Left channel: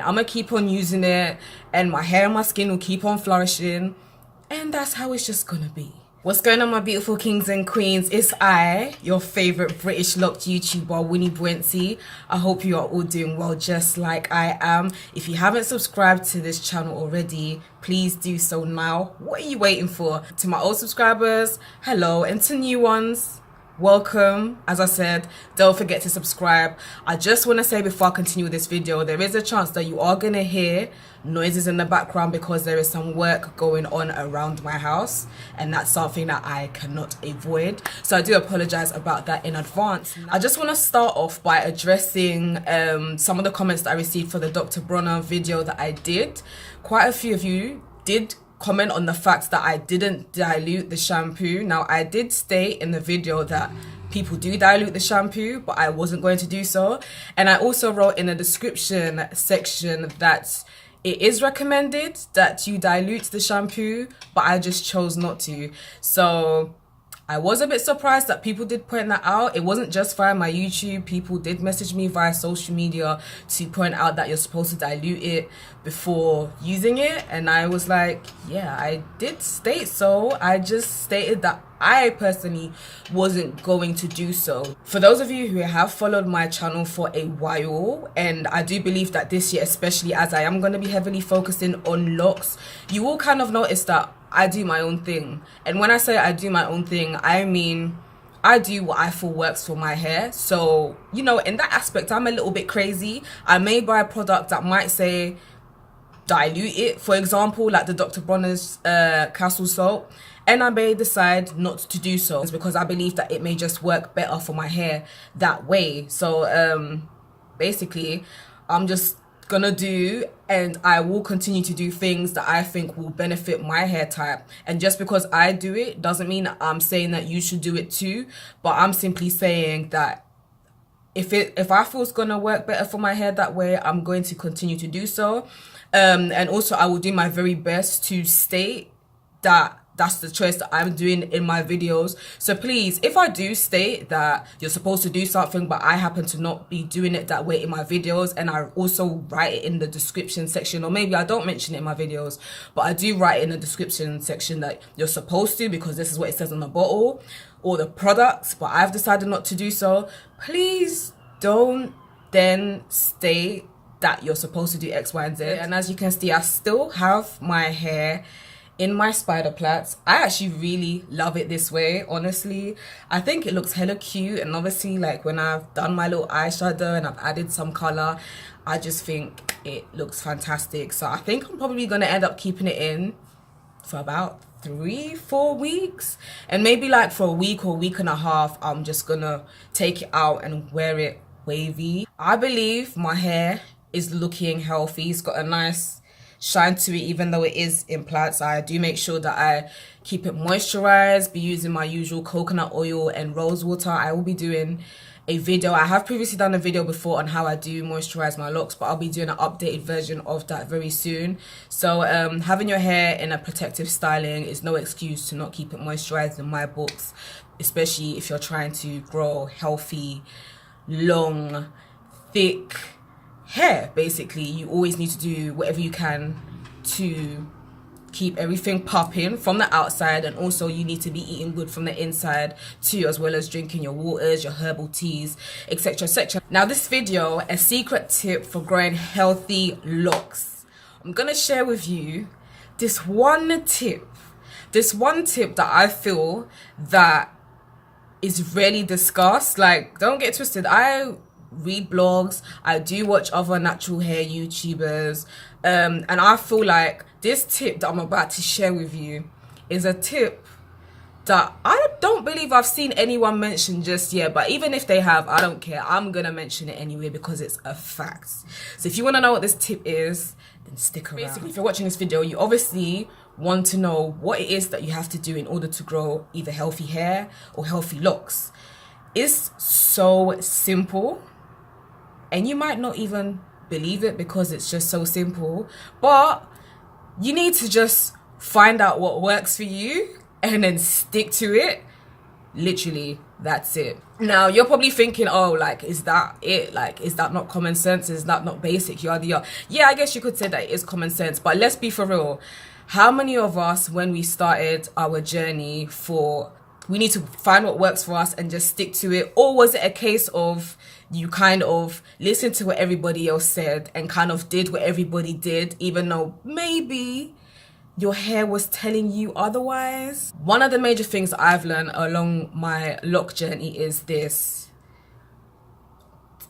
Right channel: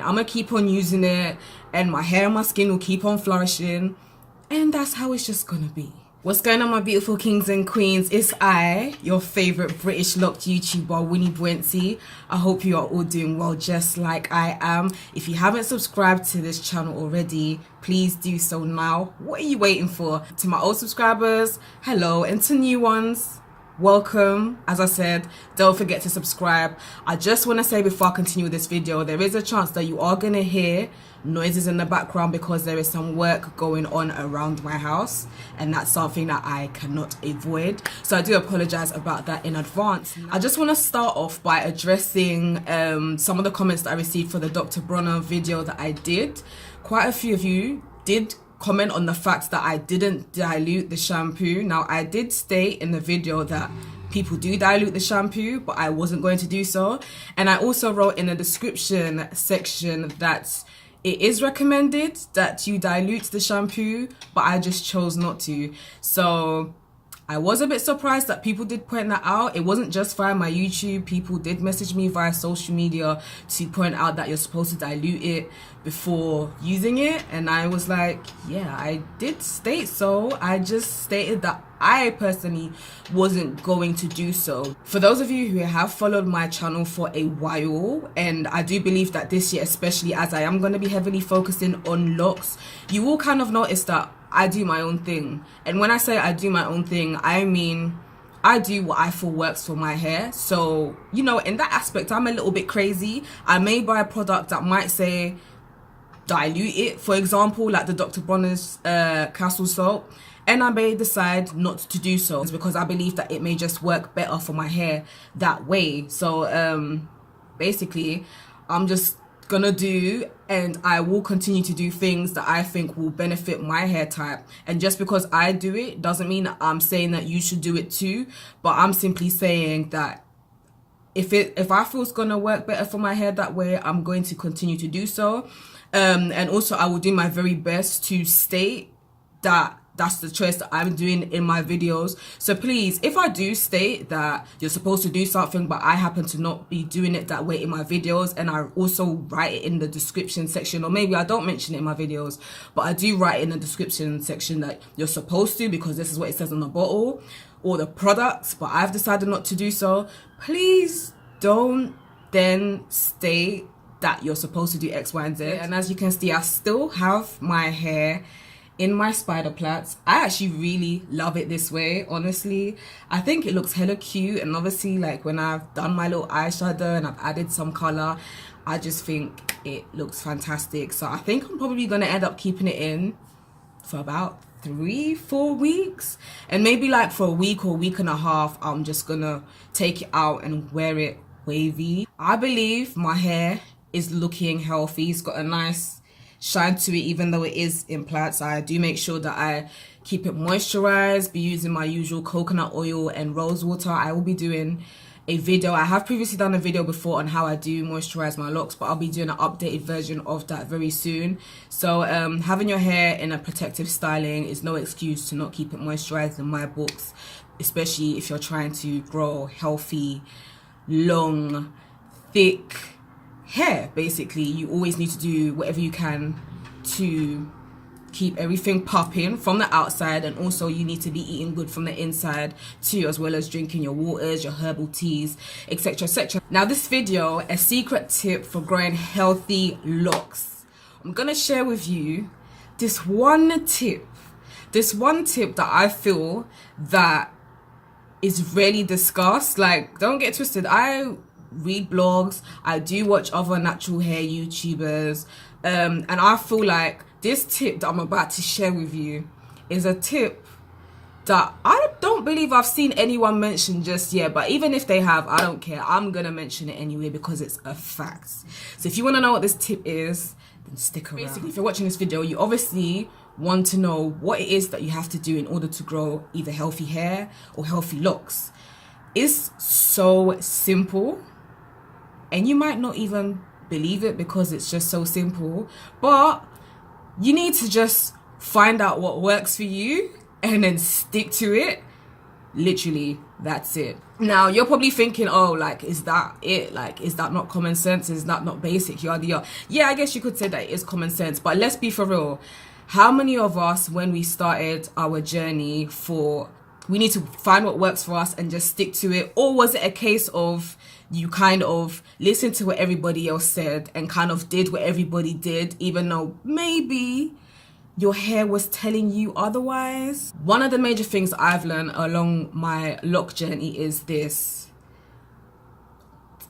I'm gonna keep on using it, and my hair and my skin will keep on flourishing, and that's how it's just gonna be. What's going on, my beautiful kings and queens? It's I, your favorite British locked YouTuber, Wini Boansi. I hope you are all doing well, just like I am. If you haven't subscribed to this channel already, please do so now. What are you waiting for? To my old subscribers, hello, and to new ones, welcome. As I said, don't forget to subscribe. I just want to say before I continue with this video, there is a chance that you are going to hear noises in the background because there is some work going on around my house, and that's something that I cannot avoid, so I do apologize about that in advance. I just want to start off by addressing some of the comments that I received for the Dr. Bronner video that I did. Quite a few of you did comment on the fact that I didn't dilute the shampoo. Now, I did state in the video that people do dilute the shampoo, but I wasn't going to do so, and I also wrote in the description section that it is recommended that you dilute the shampoo, but I just chose not to. So I was a bit surprised that people did point that out. It wasn't just via my YouTube. People did message me via social media to point out that you're supposed to dilute it before using it, and I was like, yeah, I did state so. I just stated that I personally wasn't going to do so. For those of you who have followed my channel for a while, and I do believe that this year especially, as I am going to be heavily focusing on locks, you will kind of notice that I do my own thing. And when I say I do my own thing, I mean I do what I feel works for my hair. So, you know, in that aspect, I'm a little bit crazy. I may buy a product that might say dilute it, for example, like the Dr. Bronner's castle soap, and I may decide not to do so because I believe that it may just work better for my hair that way. So basically, I'm just gonna do, and I will continue to do things that I think will benefit my hair type. And just because I do it doesn't mean that I'm saying that you should do it too, but I'm simply saying that if I feel it's gonna work better for my hair that way, I'm going to continue to do so. And also I will do my very best to state that that's the choice that I'm doing in my videos. So please, if I do state that you're supposed to do something but I happen to not be doing it that way in my videos, and I also write it in the description section, or maybe I don't mention it in my videos, but I do write in the description section that you're supposed to because this is what it says on the bottle or the products, but I've decided not to do so, please don't then state that you're supposed to do X, Y, and Z. And as you can see, I still have my hair in my spider plaits. I actually really love it this way, honestly. I think it looks hella cute, and obviously like when I've done my little eyeshadow and I've added some color, I just think it looks fantastic. So I think I'm probably gonna end up keeping it in for about 3-4 weeks, and maybe like for a week or week and a half I'm just gonna take it out and wear it wavy. I believe my hair is looking healthy. It's got a nice shine to it, even though it is in plaits. I do make sure that I keep it moisturized, be using my usual coconut oil and rose water. I will be doing a video, I have previously done a video before on how I do moisturize my locks, but I'll be doing an updated version of that very soon. So having your hair in a protective styling is no excuse to not keep it moisturized in my books, especially if you're trying to grow healthy, long, thick hair. Basically, you always need to do whatever you can to keep everything popping from the outside, and also you need to be eating good from the inside too, as well as drinking your waters, your herbal teas, etc, etc. Now this video, a secret tip for growing healthy locks. I'm gonna share with you this one tip that I feel that is rarely discussed. Like, don't get twisted, I read blogs, I do watch other natural hair YouTubers, and I feel like this tip that I'm about to share with you is a tip that I don't believe I've seen anyone mention just yet, but even if they have, I don't care. I'm gonna mention it anyway because it's a fact. So if you want to know what this tip is, then stick around. Basically, if you're watching this video, you obviously want to know what it is that you have to do in order to grow either healthy hair or healthy locks. It's so simple, and you might not even believe it because it's just so simple, but you need to just find out what works for you and then stick to it, Literally, that's it. Now you're probably thinking, oh, like, is that it? Like, is that not common sense? Is that not basic? Yada yada. Yeah, I guess you could say that it is common sense, but let's be for real. How many of us, when we started our journey we need to find what works for us and just stick to it? Or was it a case of you kind of listened to what everybody else said and kind of did what everybody did, even though maybe your hair was telling you otherwise? One of the major things I've learned along my lock journey is this:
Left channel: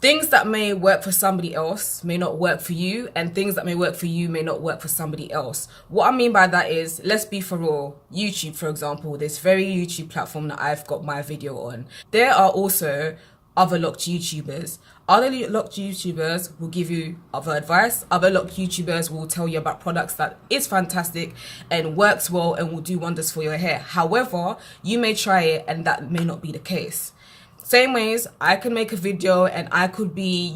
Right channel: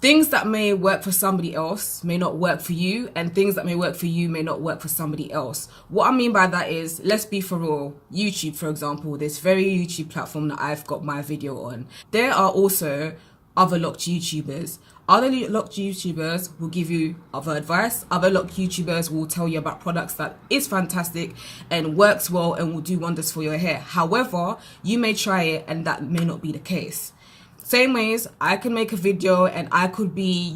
things that may work for somebody else may not work for you, and things that may work for you may not work for somebody else. What I mean by that is, let's be for real, YouTube, for example, this very YouTube platform that I've got my video on, there are also other locked YouTubers. Other locked YouTubers will give you other advice. Other locked YouTubers will tell you about products that is fantastic and works well and will do wonders for your hair. However, you may try it and that may not be the case. Same ways, I can make a video and I could be,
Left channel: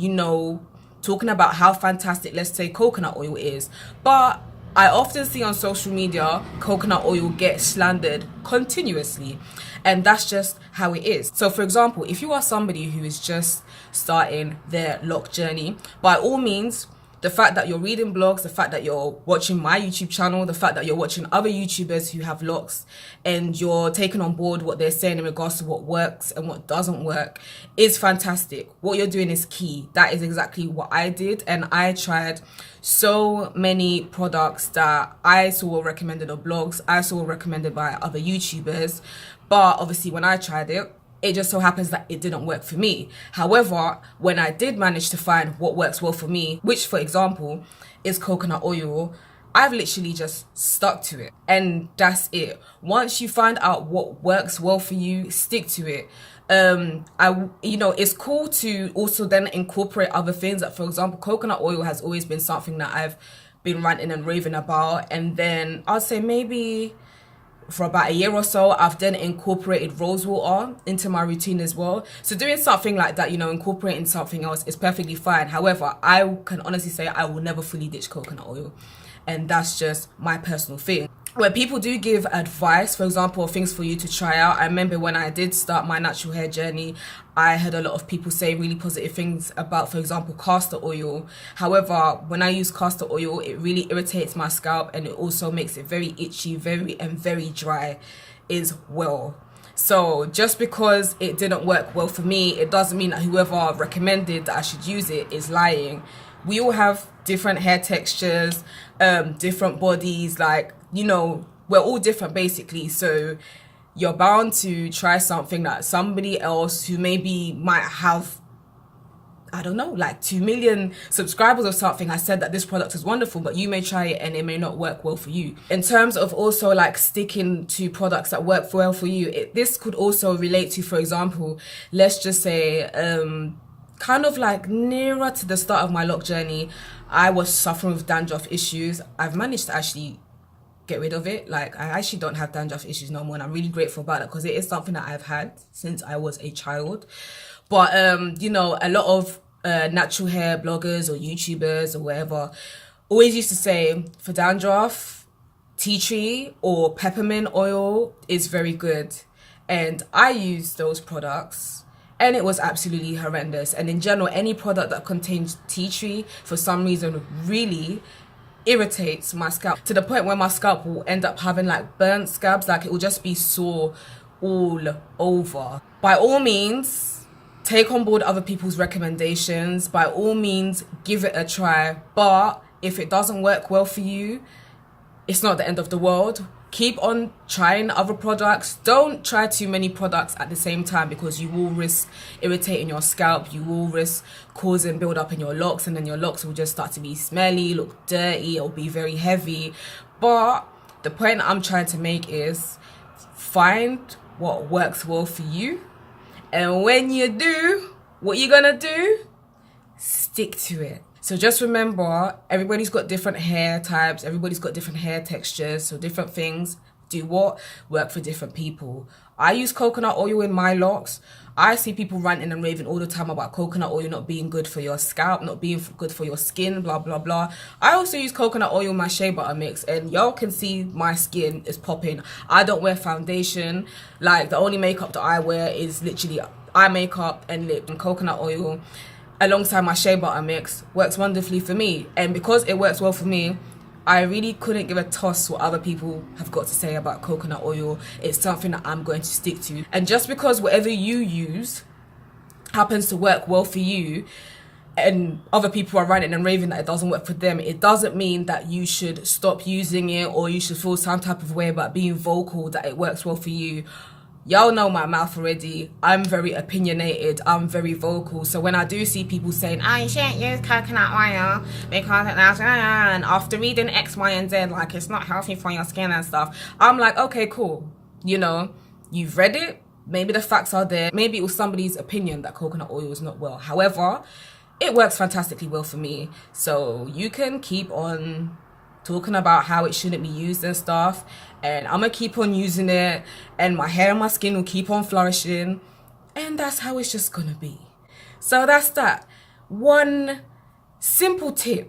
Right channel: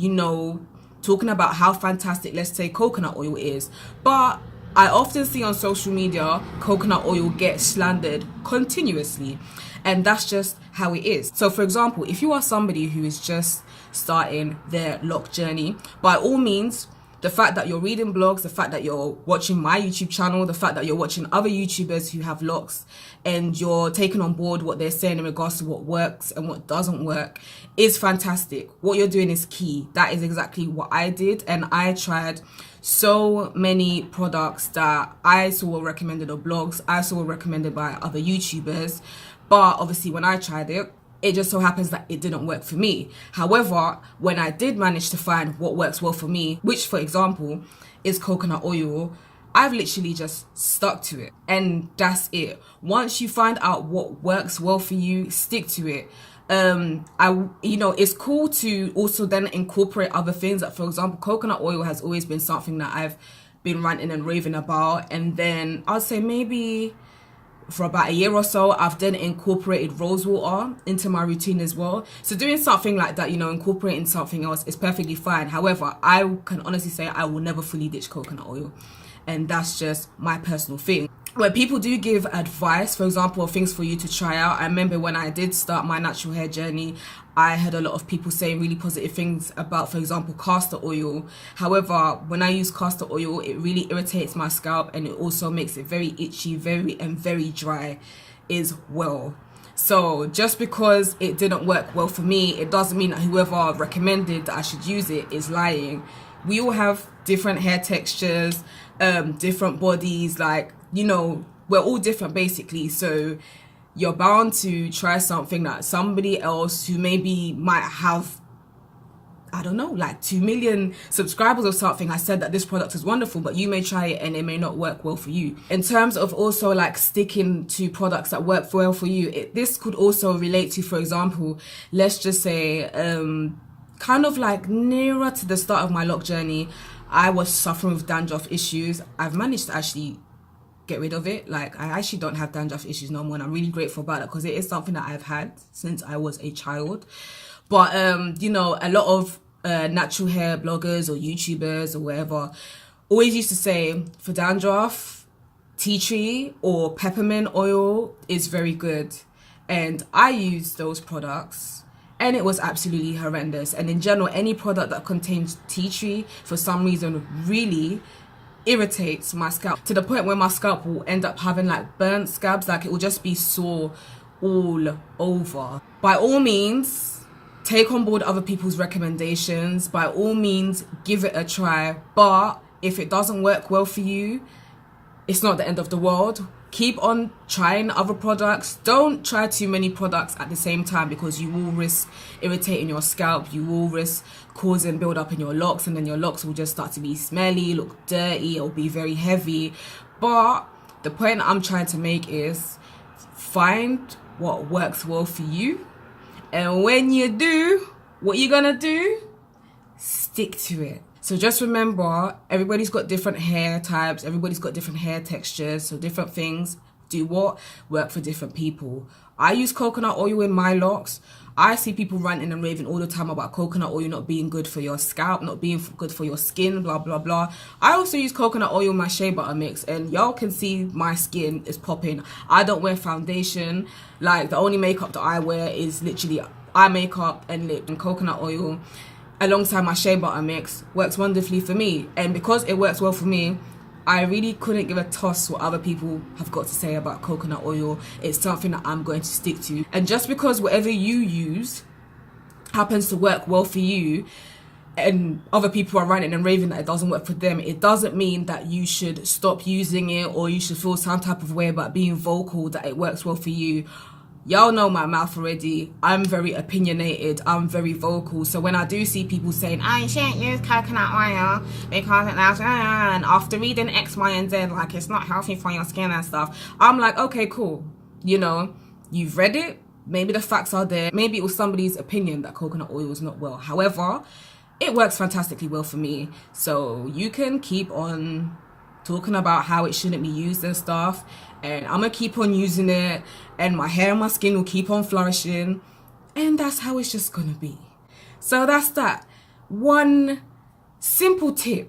talking about how fantastic, let's say, coconut oil is. But I often see on social media, coconut oil get slandered continuously. And that's just how it is. So for example, if you are somebody who is just starting their lock journey, by all means, the fact that you're reading blogs, the fact that you're watching my YouTube channel, the fact that you're watching other YouTubers who have locks and you're taking on board what they're saying in regards to what works and what doesn't work is fantastic. What you're doing is key. That is exactly what I did, and I tried so many products that I saw recommended on blogs, I saw recommended by other YouTubers, but obviously when I tried it, it just so happens that it didn't work for me. However, when I did manage to find what works well for me, which for example is coconut oil, I've literally just stuck to it, and that's it. Once you find out what works well for you, stick to it. It's cool to also then incorporate other things. Like for example, coconut oil has always been something that I've been ranting and raving about, and then I'd say maybe for about a year or so, I've then incorporated rose water into my routine as well. So doing something like that, incorporating something else is perfectly fine. However, I can honestly say I will never fully ditch coconut oil, and that's just my personal thing. When people do give advice, for example, things for you to try out, I remember when I did start my natural hair journey, I heard a lot of people say really positive things about, for example, castor oil. However, when I use castor oil, it really irritates my scalp, and it also makes it very itchy, very dry as well. So just because it didn't work well for me, it doesn't mean that whoever recommended that I should use it is lying. We all have different hair textures, different bodies, we're all different basically. So you're bound to try something that somebody else who maybe might have, 2 million subscribers or something has said that this product is wonderful, but you may try it and it may not work well for you. In terms of also sticking to products that work well for you, this could also relate to, for example, let's just say, nearer to the start of my lock journey, I was suffering with dandruff issues. I've managed to actually get rid of it. I actually don't have dandruff issues no more, and I'm really grateful about it because it is something that I've had since I was a child. But a lot of natural hair bloggers or YouTubers or whatever always used to say for dandruff, tea tree or peppermint oil is very good, and I used those products and it was absolutely horrendous. And in general, any product that contains tea tree for some reason really irritates my scalp to the point where my scalp will end up having burnt scabs. It will just be sore all over. By all means, take on board other people's recommendations. By all means, give it a try. But if it doesn't work well for you, it's not the end of the world. Keep on trying other products. Don't try too many products at the same time, because you will risk irritating your scalp. You will risk causing build up in your locks, and then your locks will just start to be smelly, look dirty, or be very heavy. But the point I'm trying to make is find what works well for you, and when you do, what you're gonna do, stick to it. So just remember, everybody's got different hair types, everybody's got different hair textures, so different things do what? Work for different people. I use coconut oil in my locks. I see people ranting and raving all the time about coconut oil not being good for your scalp, not being good for your skin, blah blah blah. I also use coconut oil in my shea butter mix, and y'all can see my skin is popping. I don't wear foundation. Like, the only makeup that I wear is literally eye makeup and lip, and coconut oil alongside my shea butter mix works wonderfully for me. And because it works well for me, I really couldn't give a toss what other people have got to say about coconut oil. It's something that I'm going to stick to. And just because whatever you use happens to work well for you, and other people are ranting and raving that it doesn't work for them, it doesn't mean that you should stop using it, or you should feel some type of way about being vocal that it works well for you. Y'all know my mouth already. I'm very opinionated. I'm very vocal. So when I do see people saying, you shouldn't use coconut oil because it does, and after reading X, Y, and Z, like, it's not healthy for your skin and stuff, I'm like, okay, cool. You know, you've read it. Maybe the facts are there. Maybe it was somebody's opinion that coconut oil is not well. However, it works fantastically well for me. So you can keep on talking about how it shouldn't be used and stuff, and I'm gonna keep on using it, and my hair and my skin will keep on flourishing, and that's how it's just gonna be. So that's that one simple tip.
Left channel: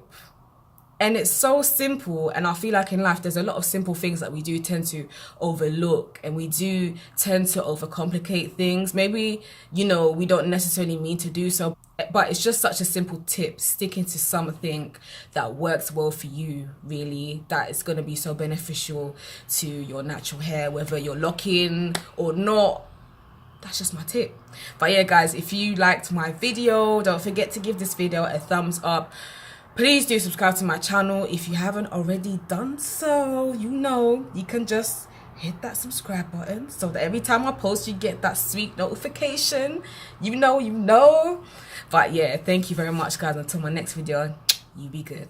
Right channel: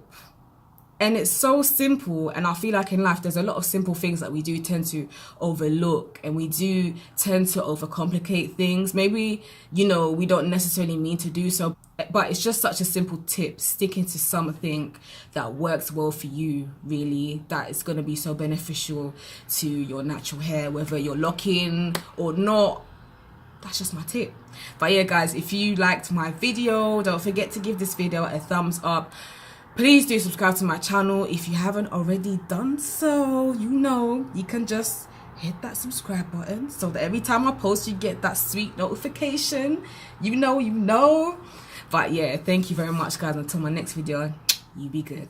And it's so simple, and I feel like in life there's a lot of simple things that we do tend to overlook, and we do tend to overcomplicate things. Maybe, you know, we don't necessarily mean to do so, but it's just such a simple tip. Sticking to something that works well for you, really, that is going to be so beneficial to your natural hair, whether you're locking or not. That's just my tip. But yeah, guys, if you liked my video, don't forget to give this video a thumbs up. Please do subscribe to my channel if you haven't already done so. You know, you can just hit that subscribe button so that every time I post, you get that sweet notification. You know. But yeah, thank you very much, guys. Until my next video, you be good.